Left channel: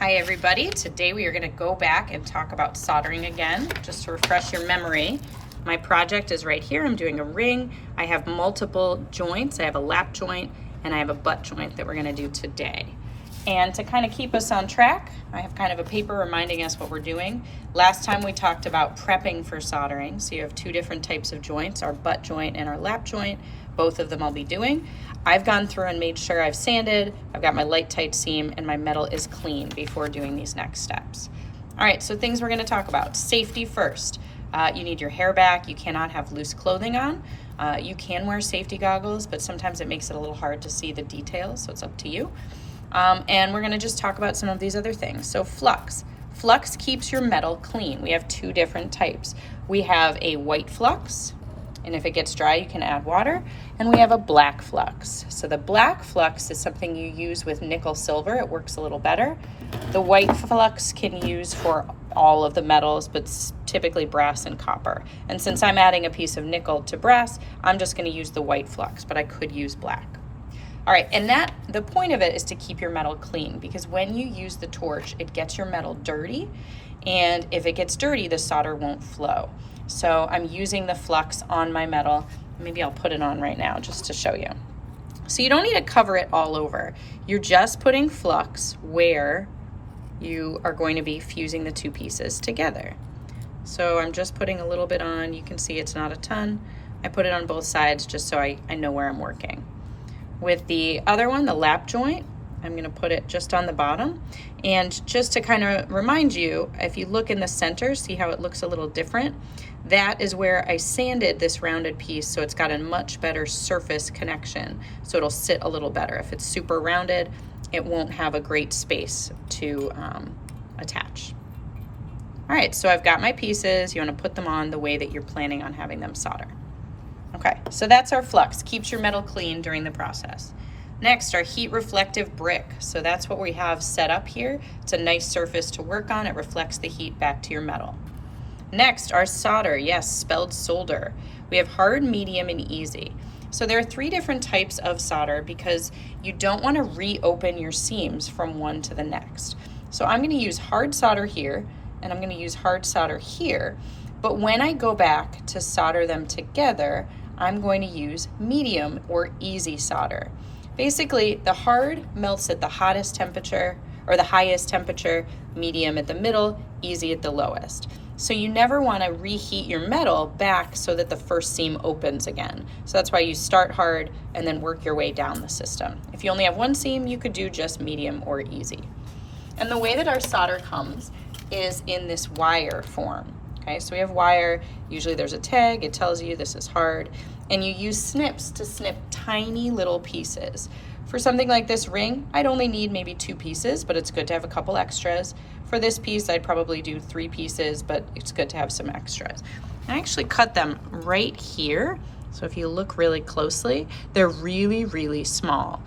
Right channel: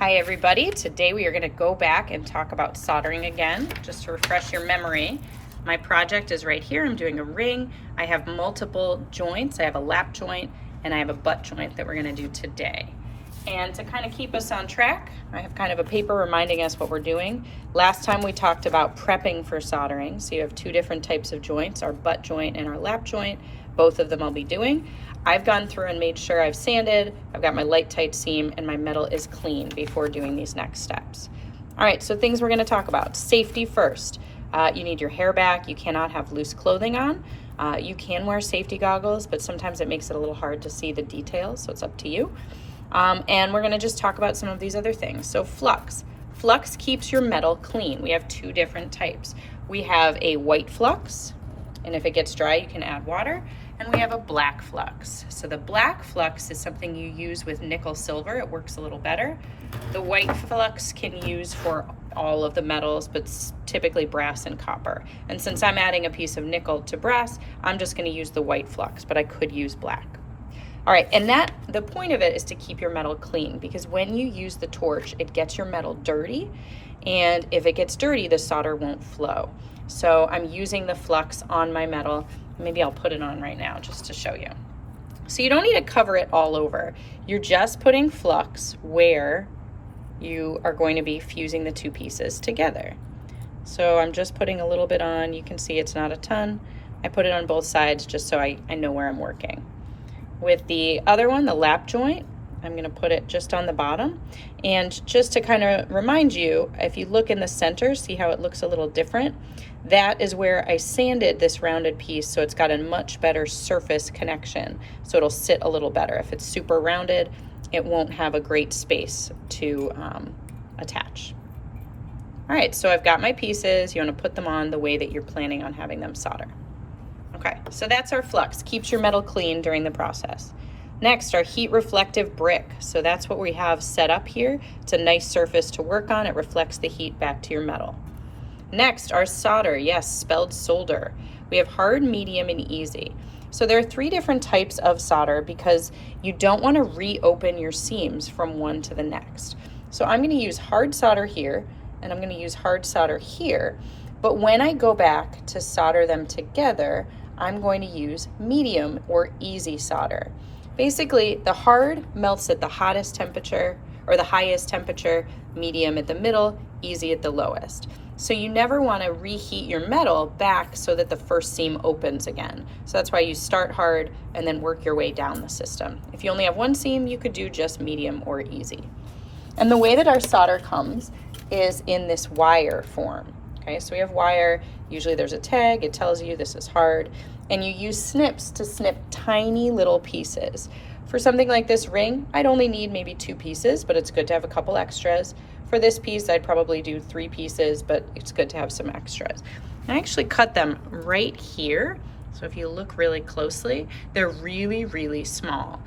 Hi everybody, today we are going to go back and talk about soldering again, just to refresh your memory. My project is right here. I'm doing a ring. I have multiple joints. I have a lap joint and I have a butt joint that we're going to do today. And to kind of keep us on track, I have kind of a paper reminding us what we're doing. Last time we talked about prepping for soldering. So you have two different types of joints, our butt joint and our lap joint. Both of them I'll be doing. I've gone through and made sure I've sanded, I've got my light tight seam, and my metal is clean before doing these next steps. All right, so things we're gonna talk about. Safety first. You need your hair back. You cannot have loose clothing on. You can wear safety goggles, but sometimes it makes it a little hard to see the details, so it's up to you. And we're gonna just talk about some of these other things. So Flux. Flux keeps your metal clean. We have two different types. We have a white Flux, and if it gets dry, you can add water. And we have a black Flux. So the black Flux is something you use with nickel silver. It works a little better. The white Flux can use for all of the metals, but typically brass and copper. And since I'm adding a piece of nickel to brass, I'm just gonna use the white Flux, but I could use black. All right, and the point of it is to keep your metal clean, because when you use the torch, it gets your metal dirty. And if it gets dirty, the solder won't flow. So I'm using the Flux on my metal. Maybe I'll put it on right now just to show you. So you don't need to cover it all over. You're just putting Flux where you are going to be fusing the two pieces together. So I'm just putting a little bit on. You can see it's not a ton. I put it on both sides just so I know where I'm working. With the other one, the lap joint, I'm gonna put it just on the bottom. And just to kind of remind you, if you look in the center, see how it looks a little different? That is where I sanded this rounded piece, so it's got a much better surface connection. So it'll sit a little better. If it's super rounded, it won't have a great space to attach. All right, so I've got my pieces. You wanna put them on the way that you're planning on having them solder. Okay, so that's our Flux. Keeps your metal clean during the process. Next, our heat reflective brick. So that's what we have set up here. It's a nice surface to work on. It reflects the heat back to your metal. Next, our solder. Yes, spelled solder. We have hard, medium, and easy. So there are three different types of solder because you don't want to reopen your seams from one to the next. So I'm going to use hard solder here, and I'm going to use hard solder here. But when I go back to solder them together, I'm going to use medium or easy solder. Basically, the hard melts at the hottest temperature or the highest temperature, medium at the middle, easy at the lowest. So you never want to reheat your metal back so that the first seam opens again. So that's why you start hard and then work your way down the system. If you only have one seam, you could do just medium or easy. And the way that our solder comes is in this wire form. Okay, so we have wire. Usually there's a tag. It tells you this is hard. And you use snips to snip tiny little pieces. For something like this ring, I'd only need maybe 2 pieces, but it's good to have a couple extras. For this piece, I'd probably do 3 pieces, but it's good to have some extras. I actually cut them right here. So if you look really closely, they're really, really small.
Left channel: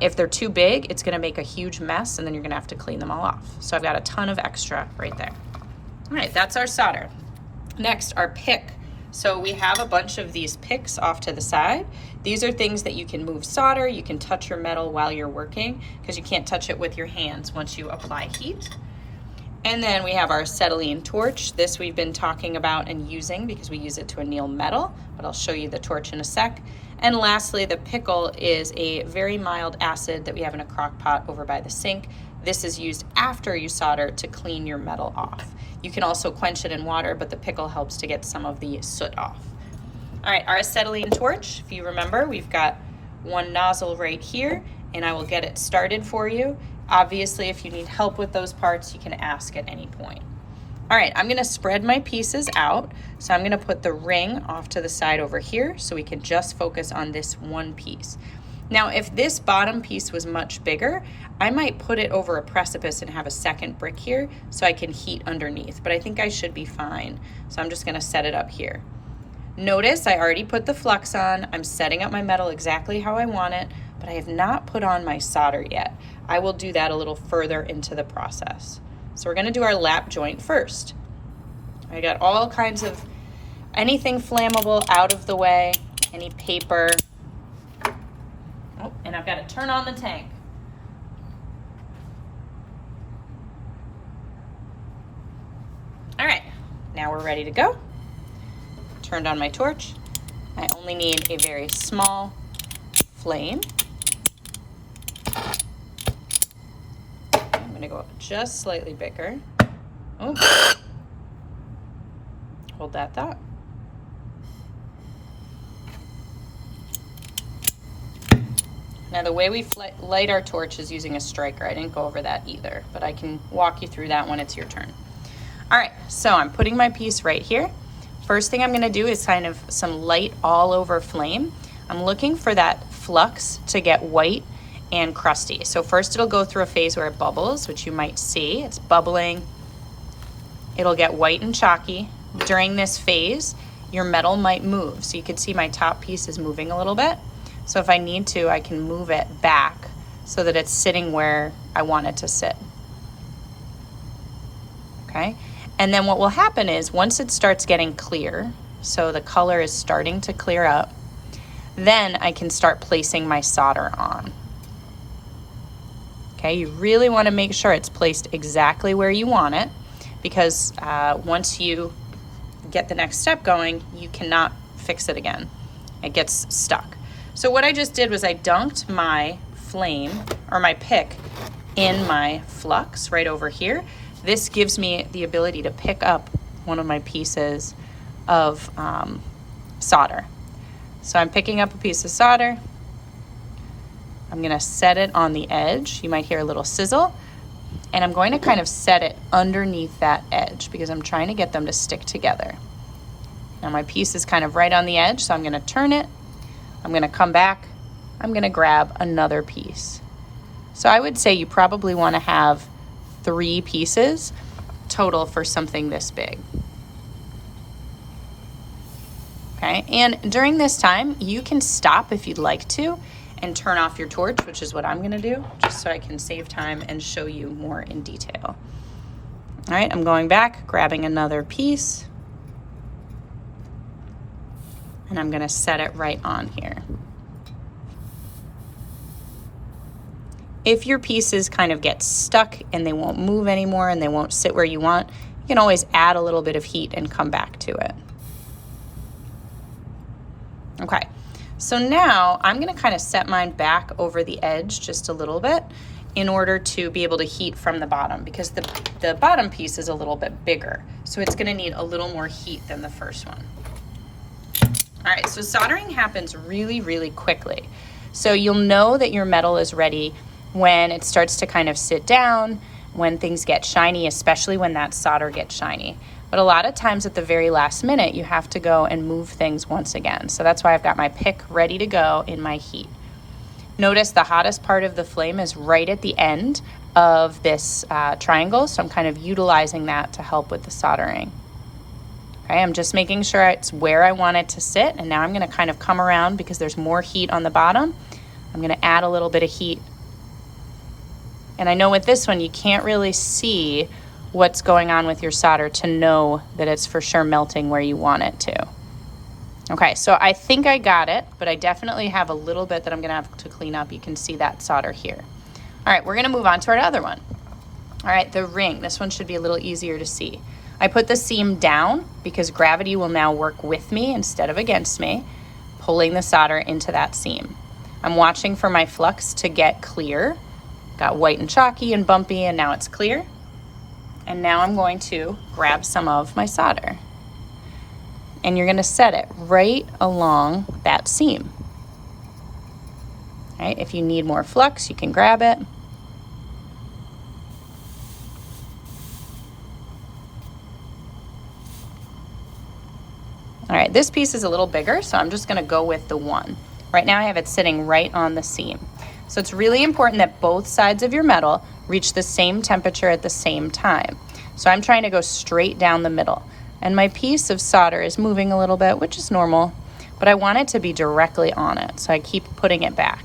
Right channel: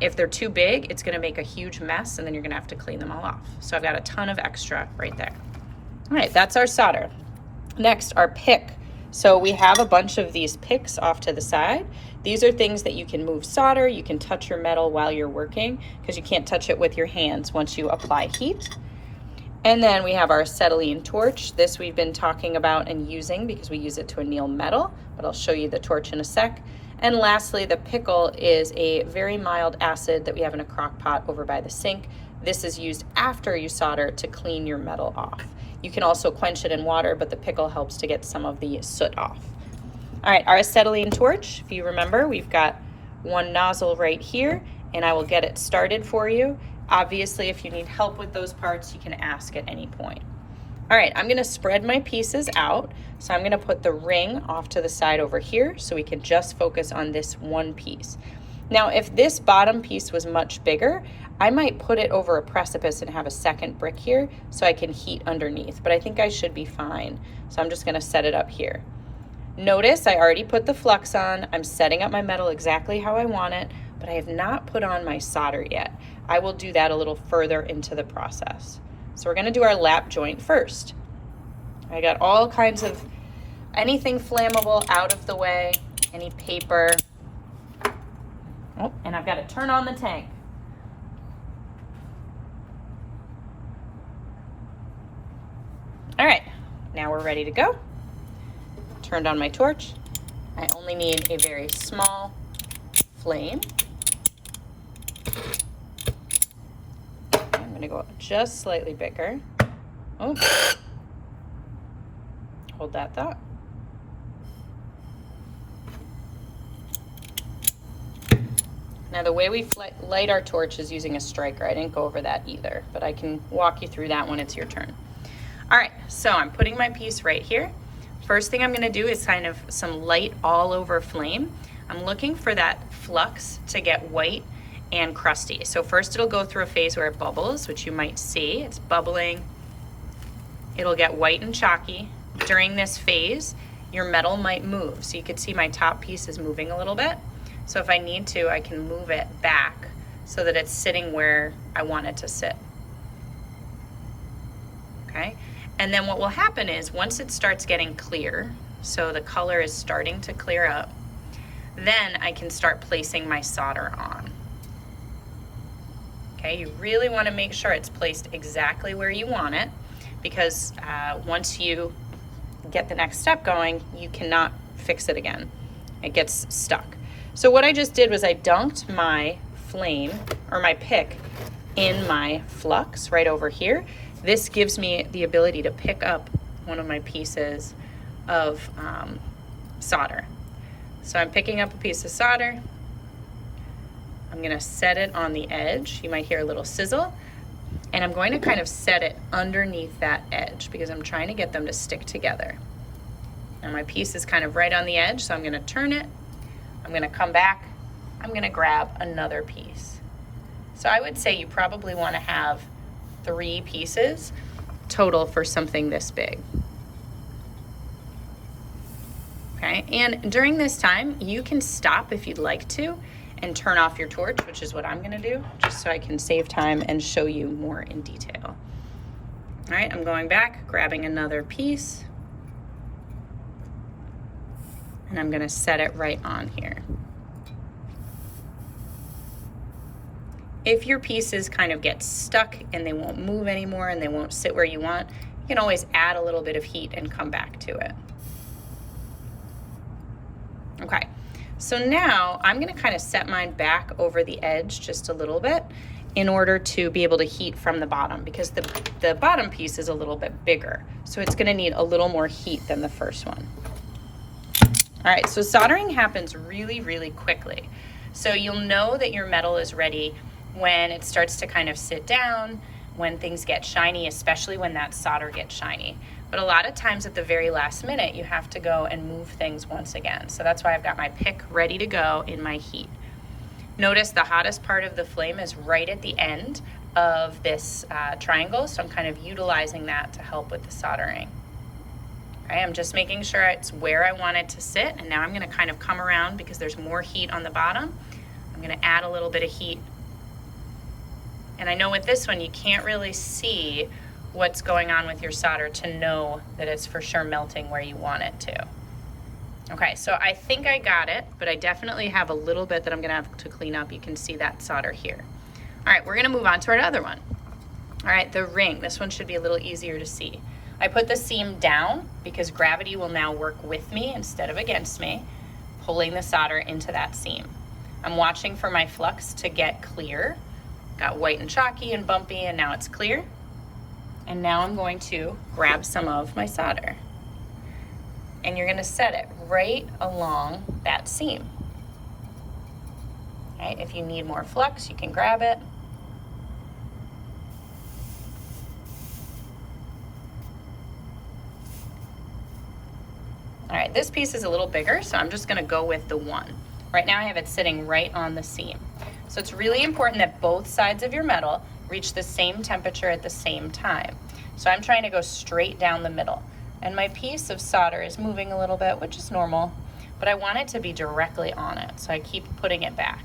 If they're too big, it's gonna make a huge mess and then you're gonna have to clean them all off. So I've got a ton of extra right there. All right, that's our solder. Next, our pick. So we have a bunch of these picks off to the side. These are things that you can move solder. You can touch your metal while you're working because you can't touch it with your hands once you apply heat. And then we have our acetylene torch. This we've been talking about and using because we use it to anneal metal, but I'll show you the torch in a sec. And lastly, the pickle is a very mild acid that we have in a crock pot over by the sink. This is used after you solder to clean your metal off. You can also quench it in water, but the pickle helps to get some of the soot off. All right, our acetylene torch, if you remember, we've got one nozzle right here, and I will get it started for you. Obviously, if you need help with those parts, you can ask at any point. All right, I'm gonna spread my pieces out. So I'm gonna put the ring off to the side over here so we can just focus on this one piece. Now, if this bottom piece was much bigger, I might put it over a precipice and have a second brick here so I can heat underneath, but I think I should be fine. So I'm just gonna set it up here. Notice I already put the Flux on. I'm setting up my metal exactly how I want it, but I have not put on my solder yet. I will do that a little further into the process. So we're gonna do our lap joint first. I got all kinds of anything flammable out of the way, any paper. Oh, and I've got to turn on the tank. now we're ready to go. Turned on my torch. I only need a very small flame. I'm gonna go just slightly bigger. Oh, hold that thought. Now the way we light our torch is using a striker. I didn't go over that either, but I can walk you through that when it's your turn. All right, so I'm putting my piece right here. First thing I'm gonna do is kind of some light all over flame. I'm looking for that flux to get white and crusty. So first it'll go through a phase where it bubbles, which you might see. It's bubbling. It'll get white and chalky. During this phase, your metal might move. So you can see my top piece is moving a little bit. So if I need to, I can move it back so that it's sitting where I want it to sit. Okay? And then what will happen is once it starts getting clear, so the color is starting to clear up, then I can start placing my solder on. Okay, you really want to make sure it's placed exactly where you want it, because once you get the next step going, you cannot fix it again. It gets stuck. So what I just did was I dunked my flame, or my pick, in my flux right over here. This gives me the ability to pick up one of my pieces of solder. So I'm picking up a piece of solder. I'm gonna set it on the edge. You might hear a little sizzle. And I'm going to kind of set it underneath that edge because I'm trying to get them to stick together. Now my piece is kind of right on the edge, so I'm gonna turn it. I'm gonna come back. I'm gonna grab another piece. So I would say you probably wanna have 3 pieces total for something this big. Okay, and during this time, you can stop if you'd like to and turn off your torch, which is what I'm gonna do, just so I can save time and show you more in detail. All right, I'm going back, grabbing another piece, and I'm gonna set it right on here. If your pieces kind of get stuck and they won't move anymore and they won't sit where you want, you can always add a little bit of heat and come back to it. Okay, so now I'm gonna kind of set mine back over the edge just a little bit in order to be able to heat from the bottom, because the bottom piece is a little bit bigger. So it's gonna need a little more heat than the first one. All right, so soldering happens really, really quickly. So you'll know that your metal is ready when it starts to kind of sit down, when things get shiny, especially when that solder gets shiny. But a lot of times at the very last minute, you have to go and move things once again. So that's why I've got my pick ready to go in my heat. Notice the hottest part of the flame is right at the end of this triangle. So I'm kind of utilizing that to help with the soldering. Okay, I'm just making sure it's where I want it to sit. And now I'm gonna kind of come around because there's more heat on the bottom. I'm gonna add a little bit of heat. And I know with this one, you can't really see what's going on with your solder to know that it's for sure melting where you want it to. Okay, so I think I got it, but I definitely have a little bit that I'm gonna have to clean up. You can see that solder here. All right, we're gonna move on to our other one. All right, the ring. This one should be a little easier to see. I put the seam down because gravity will now work with me instead of against me, pulling the solder into that seam. I'm watching for my flux to get clear. Got white and chalky and bumpy, and now it's clear. And now I'm going to grab some of my solder. And you're gonna set it right along that seam. All right, if you need more flux, you can grab it. All right, this piece is a little bigger, so I'm just gonna go with the 1. Right now I have it sitting right on the seam. So it's really important that both sides of your metal reach the same temperature at the same time. So I'm trying to go straight down the middle. And my piece of solder is moving a little bit, which is normal, but I want it to be directly on it. So I keep putting it back.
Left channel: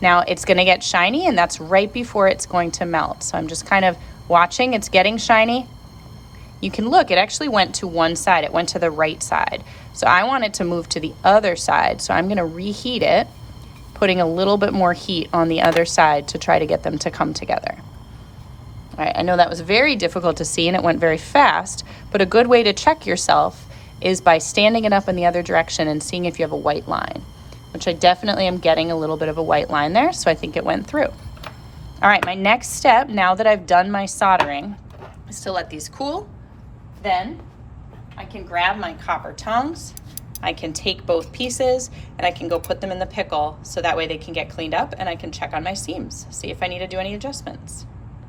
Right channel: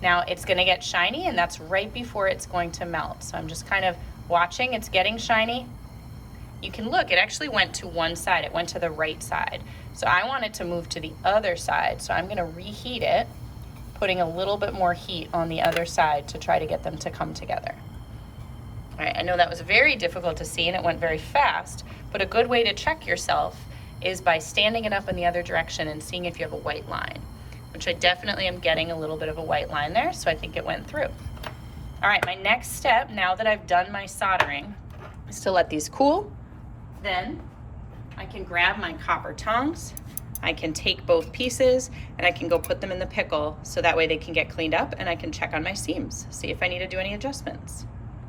Now it's gonna get shiny, and that's right before it's going to melt. So I'm just kind of watching, it's getting shiny. You can look, it actually went to one side, it went to the right side. So I want it to move to the other side. So I'm gonna reheat it, putting a little bit more heat on the other side to try to get them to come together. All All right, I know that was very difficult to see and it went very fast, but a good way to check yourself is by standing it up in the other direction and seeing if you have a white line, which I definitely am getting a little bit of a white line there, so I think it went through. All right, my next step, now that I've done my soldering, is to let these cool. Then I can grab my copper tongs, I can take both pieces, and I can go put them in the pickle so that way they can get cleaned up and I can check on my seams, see if I need to do any adjustments.